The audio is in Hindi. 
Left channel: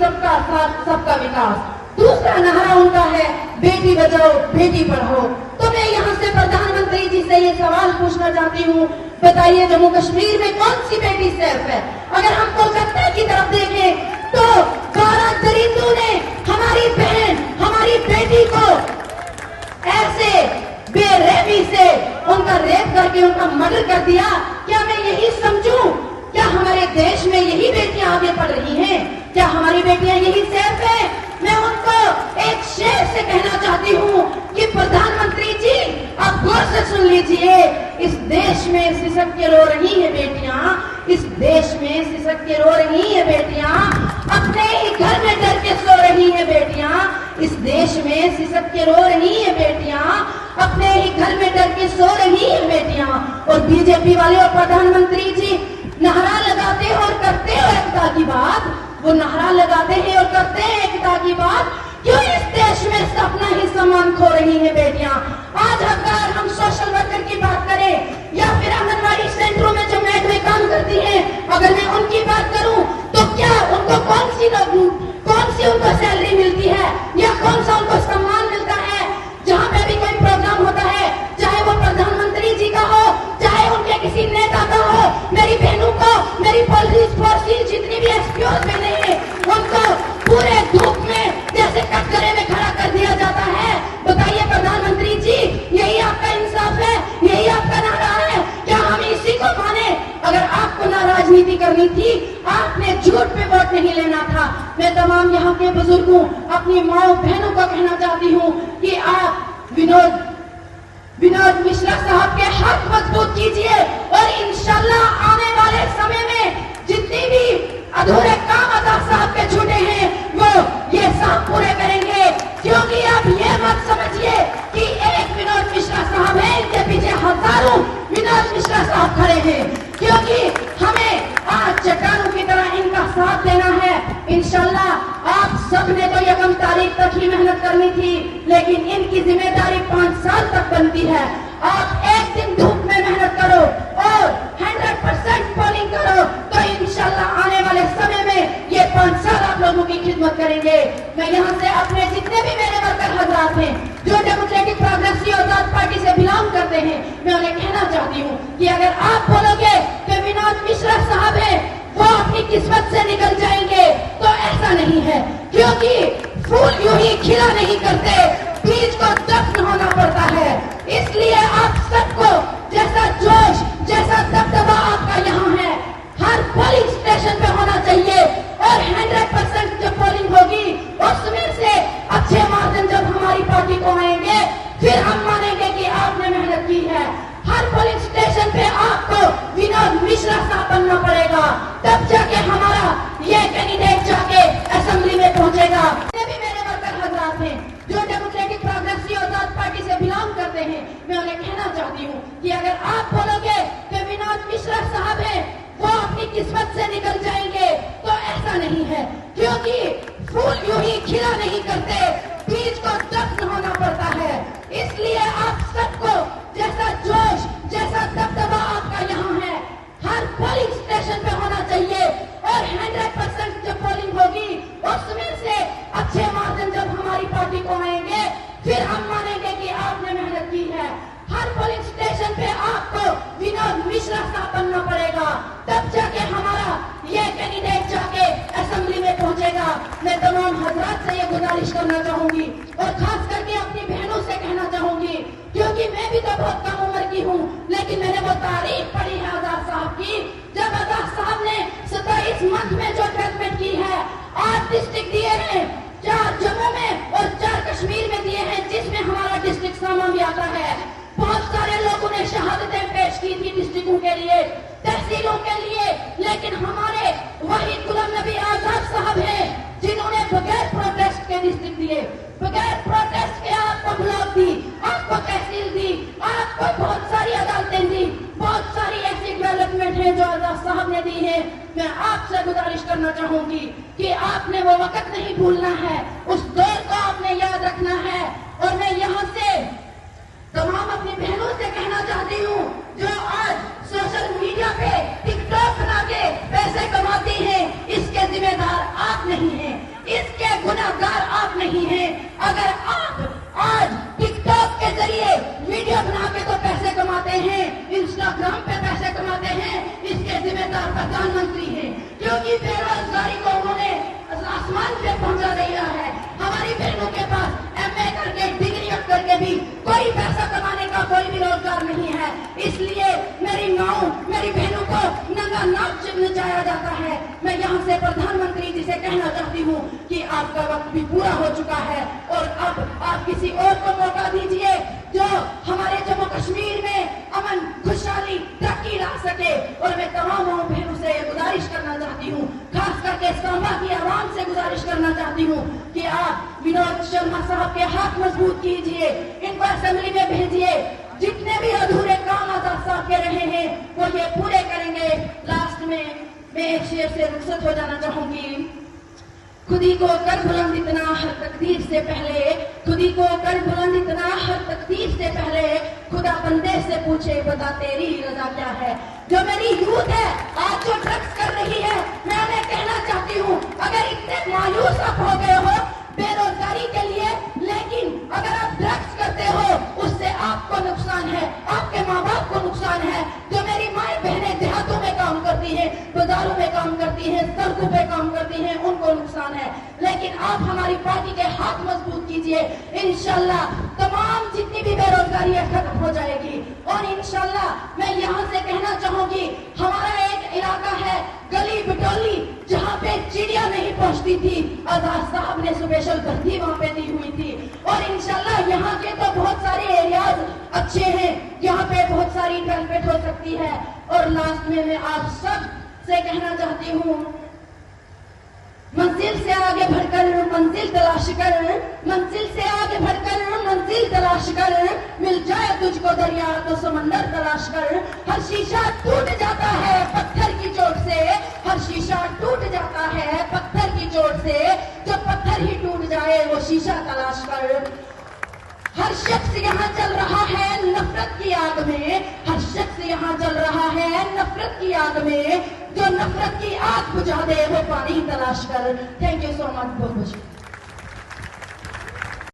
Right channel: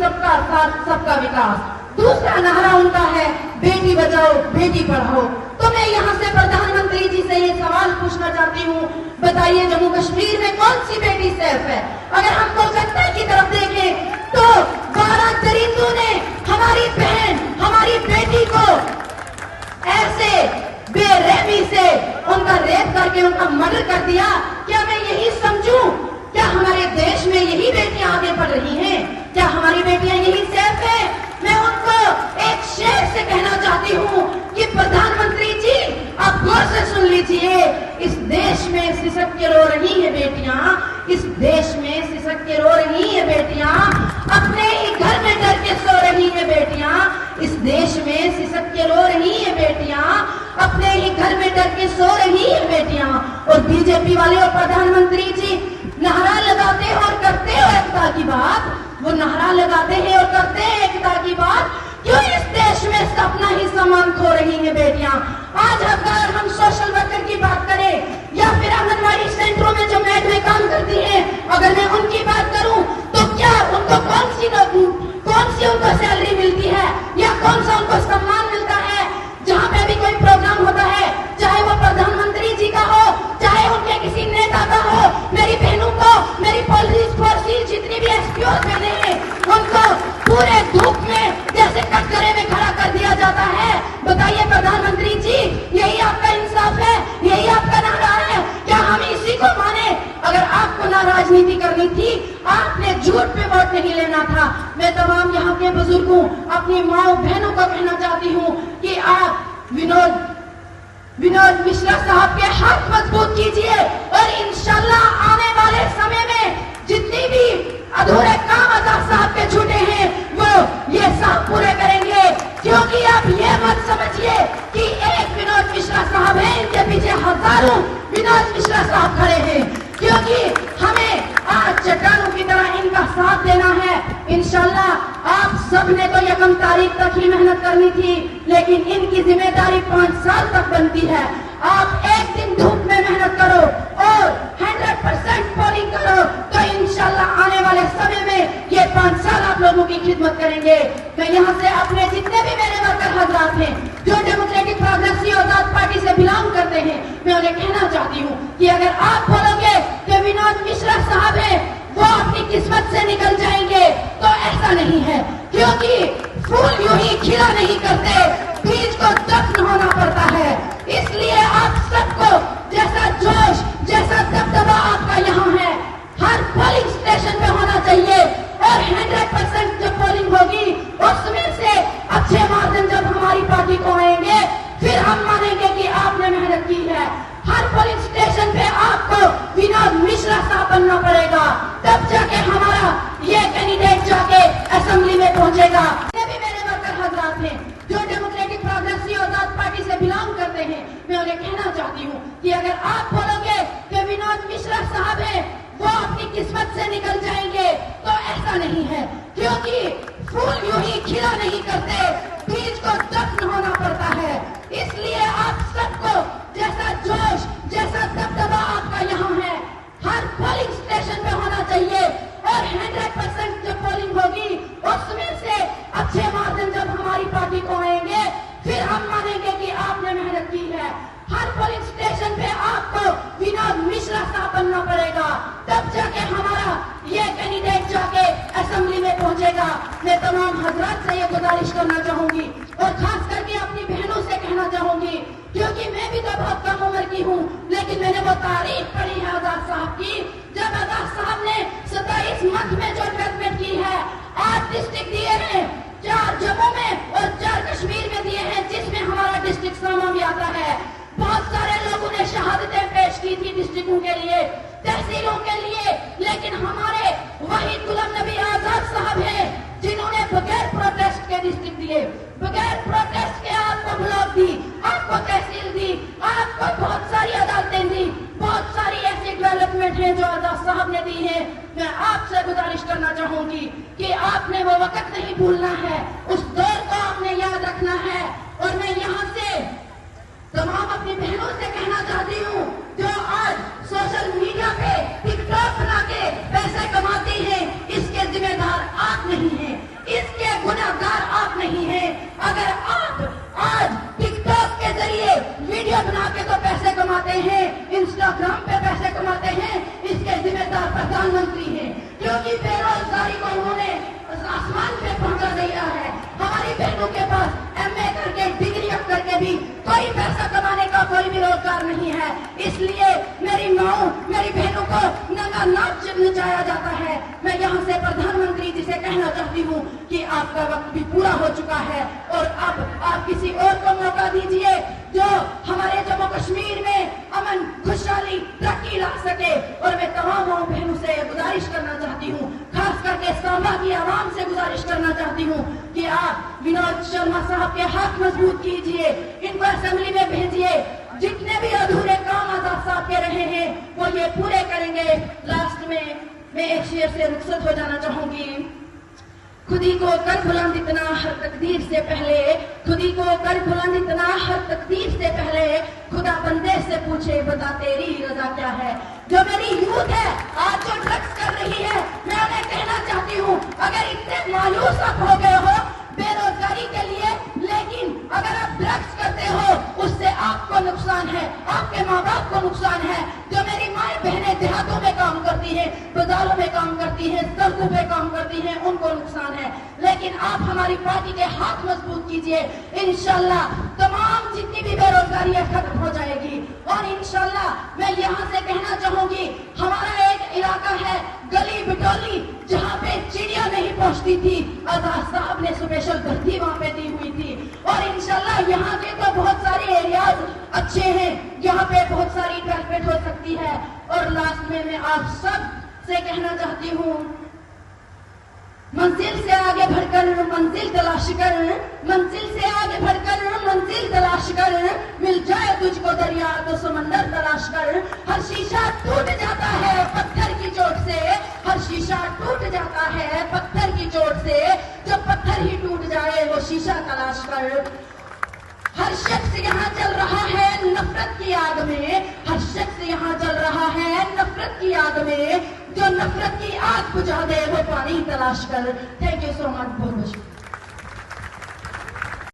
सबका साथ सबका विकास। दूसरा नारा उनका है बेटी बचाओ बेटी पढ़ाओ। तो मैं यहाँ से प्रधानमंत्री जी से ये सवाल पूछना चाहती हूँ, बताइए जम्मू कश्मीर में कौन सी बेटी सेफ है? अगर हम कोलकाता की तरफ देखें तो 12 दरिंदों ने हमारी बहन हमारी बेटी को ऐसे बेरहमी से उनका रेप करके उनका मर्डर कर दिया। क्या मैं यही समझूं? क्या हमारे देश में यही बेटियां आगे बढ़ रही हैं? क्या हमारी बेटियां यही सेफ है? मैं उनको एक शेर से कहना चाहती हूँ कि प्रधानमंत्री जी आप गौर से सुन लीजिए, इस देश में सिसक के रो रही है बेटियां, इस देश में सिसक के रो रही है बेटियां, अपने ही घर में डर के सो रही है बेटियां, इस देश में सिसक के रो रही है बेटियां, अपने ही घर में डर के सो रही है बेटियां। और बीजेपी वाले और प्रधानमंत्री जी नारा लगाते हैं और करते हैं एकता की बात, वो नारा लगाते हैं और करते हैं एकता की बात, क्यों इस देश में अपना ही सम्मान खो रही है बेटियां? आज अगर हम सोशल वर्कर की बात करें या फिर आंगनबाड़ी सेंटरों में जो मैड में काम करती हैं, अगर मैं उनकी बात करूं तो क्या उनको कौन सी उनको सैलरी मिलती है या कौन सा उनको सम्मान मिलता है? जहां पे भी कोई प्रोग्राम होता है, चाहे वो प्रधानमंत्री जी का हो, चाहे उनके किसी नेता का हो, मेरी बहनों को, मेरी पुलिस फोर्स की जितनी भी एसपीओ बहने हैं, उनको पूरे धूप में जैसे कटघरे में खड़ा कर दिया जाता है। बताइए प्रधानमंत्री जी, यही आपका इंसाफ है? यही आपका नारा है? क्या हम इसी को माने? अगर आपको ना राजनीति करनी थी, आपने झूठ पे वोट नहीं लेना था। मैं तमाम यहाँ के बुजुर्गों, अपनी माओ बहनों को कहना चाहती हूँ कि आप विनोद मिश्रा साहब के हाथ मजबूत कीजिए और इंशाल्लाह आने वाले समय में जितनी भी अधूरे काम आजाद साहब के छूटे हैं वो ये सब पूरे करेंगे। क्योंकि आप ये मत समझिए कि एक विनोद मिश्रा साहब है, इनके पीछे हजारों विनोद मिश्रा साहब खड़े हैं। क्योंकि हमें आज चट्टानों की तरह इनका साथ देना है। इंशाल्लाह आप सबने तो 1 तारीख तक ही मेहनत करनी थी, लेकिन इनकी जिम्मेदारी 5 साल तक बनती है। आप एक दिन धूप में मेहनत करो और 100% पोलिंग करो तो इंशाल्लाह आने वाले समय में ये 5 साल आप लोगों की खिदमत करेंगे। मैं यहाँ से अपने जितने भी मेरे वर्कर हजरात हैं जो डेमोक्रेटिक प्रोग्रेसिव आजाद पार्टी से बिलोंग करते हैं, मैं उन्हें कहना चाहती हूँ कि अगर आप बोलोगे कि विनोद मिश्रा साहब है वो अपनी किस्मत से निकल जाएंगे, तो ऐसा नहीं है। क्योंकि फूल यूं ही खिला नहीं करते, बीज को दफन होना पड़ता है। इसलिए आप सबको जैसा जोश, जैसा दबदबा आपका यहाँ है, हर पोलिंग स्टेशन पे होना चाहिए और 100% जब पोलिंग होगी उसमें से अच्छे मार्जिन जब हमारी पार्टी को आएंगे, फिर हम मानेंगे कि आपने मेहनत की है। हर पोलिंग स्टेशन पे आपको विनोद मिश्रा साहब बनना पड़ेगा, तब जाके हमारा ये कैंडिडेट जाके असेंबली में पहुंचेगा। भी मेरे वर्कर हजरात हैं जो डेमोक्रेटिक प्रोग्रेसिव आजाद पार्टी से बिलोंग करते हैं, मैं उन्हें कहना चाहती हूँ कि अगर आप बोलोगे कि विनोद मिश्रा साहब है वो अपनी किस्मत से निकल जाएंगे, तो ऐसा नहीं है। क्योंकि फूल यूं ही खिला नहीं करते, बीज को दफन होना पड़ता है। इसलिए आप सबको जैसा जोश, जैसा दबदबा आपका यहाँ है, हर पोलिंग स्टेशन पे होना चाहिए और 100% जब पोलिंग होगी उसमें से अच्छे मार्जिन जब हमारी पार्टी को आएंगे, फिर हम मानेंगे कि आपने मेहनत की है। हर पोलिंग स्टेशन पे आपको विनोद मिश्रा साहब बनना पड़ेगा, तब जाके हमारा ये कैंडिडेट जाके असेंबली में पहुंचेगा। मैं तमाम हजरात से ये गुजारिश करना चाहूंगी और खास करके अपनी बहनों से कहना चाहूंगी, क्योंकि मैं भी तो बहुत कम उम्र की हूँ, लेकिन मैंने वो तारीफ पढ़ी है आजाद साहब की, जब आजाद साहब ने 27 मंथ में जो डेवलपमेंट की है, 8 डिस्ट्रिक्ट दिए हैं, 4 जम्मू में और 4 कश्मीर में दिए हैं, जिसमें हमारा डिस्ट्रिक्ट सामा भी आता है। बहुत सारे लोगों ने शहादतें पेश की थी डिस्ट्रिक्टों के लिए, तहसीलों के लिए, लेकिन हमारे वही गुलाम नबी आजाद साहब हैं जिन्होंने बगैर प्रोटेस्ट के डिस्ट्रिक्ट दिए, बगैर प्रोटेस्ट के आपको ब्लॉक दी, आपको तहसील दी, आपको बहुत सारी अदालतें दी, बहुत सारी ऐसी डेवलपमेंट है जो आजाद साहब ने दी है। मैं आपसे गुजारिश करना चाहूंगी कि आपने वो वक्त नहीं भूलना है, उस दौर को आपने याद रखना है। और मैं यहाँ से तमाम अपनी बहनों से कहना चाहती हूँ जो आज सोशल मीडिया पे टिकटॉक बना के पैसे कमाती हैं, इसके जिम्मेदार आप नहीं हैं। की बेरोजगारी को उन्होंने आसमान पे पहुंचा दिया है। हमारी बहनों के पास MA करके डिग्री करके भी कोई पैसा कमाने का कोई भी रोजगार नहीं है। इसलिए मेरी माओ मेरी बहनों को नंगा नाच नचाया जाता है। मैं यहाँ से प्रधानमंत्री जी से कहना चाहती हूँ कि आपका वक्त भी पूरा हो चुका है और अब आप किसी और को मौका दीजिए जो हमारे जम्मू कश्मीर में अमन खुशहाली तरक्की ला सके। और मैं तमाम बहनों से गुजारिश करना चाहती हूँ, खास करके सांबा की आवाम से गुजारिश करना चाहती हूँ कि आप विनोद शर्मा साहब के हाथ मजबूत कीजिए, इनको असेंबली में भेजिए। जितने भी अधूरे काम आजाद साहब के रहे हैं वो ये पूरे करेंगे। लास्ट में मैं एक शेर से रुखसत हो जाना चाहूंगी। खुदी को कर बुलंद इतना हर तकदीर से पहले, खुदी को कर बुलंद इतना हर तकदीर से पहले, खुदा बंदे से पूछे बता तेरी रजा क्या है। जो मेरी यूथ है आज जो ड्रग्स कर रही है, मैं उन्हें कहना चाहती हूँ अगर इतने मायूस आप हो गए हो बेरोजगारी के लिए, लेकिन अगर आप ड्रग्स करते हो उससे आपको नुकसान है, आपके माँ बाप को नुकसान है। जो मेरी माए बहनें देहातों में काम करती है, बाजारों में काम करती है, सड़कों पे काम करती है, उनको नुकसान है। लेकिन आप हमारी पार्टी के हाथ मजबूत कीजिए, इंशाल्लाह तमाम जितनी भी बेरोजगारी है खत्म हो जाएगी। और इंशाल्लाह मैं यहाँ से कहना चाहूंगी, हमारा एक इलाका है गली बिटौली जहाँ पे चिड़िया नहीं पहुँचती थी, आजाद साहब ने स्पेशल भर्ती वहाँ पे दी हुई थी। और इंशाल्लाह यहाँ के तो बहुत सारे एरियाज अच्छे हैं, यहाँ पे बहुत सारी डेवलपमेंट हो सकती है। और लास्ट में मैं आप सब से कहना चाहती हूँ, मंजिल से आगे बढ़कर मंजिल तलाश कर, मंजिल से आगे बढ़कर मंजिल तलाश कर, मिल जाए तुझको दरिया तो समंदर तलाश कर। हर शीशा टूट जाता है पत्थर की चोट से, हर शीशा टूट जाता है पत्थर की चोट से, जो पत्थर ही टूट जाए वो शीशा तलाश कर। हर शख्स यहाँ चल रहा है नफरत की आग में, हर शख्स यहाँ चल रहा है नफरत की आग में, जो नफरत की आग बुझा दे वो पानी तलाश कर। Thank you so much. बहुत बहुत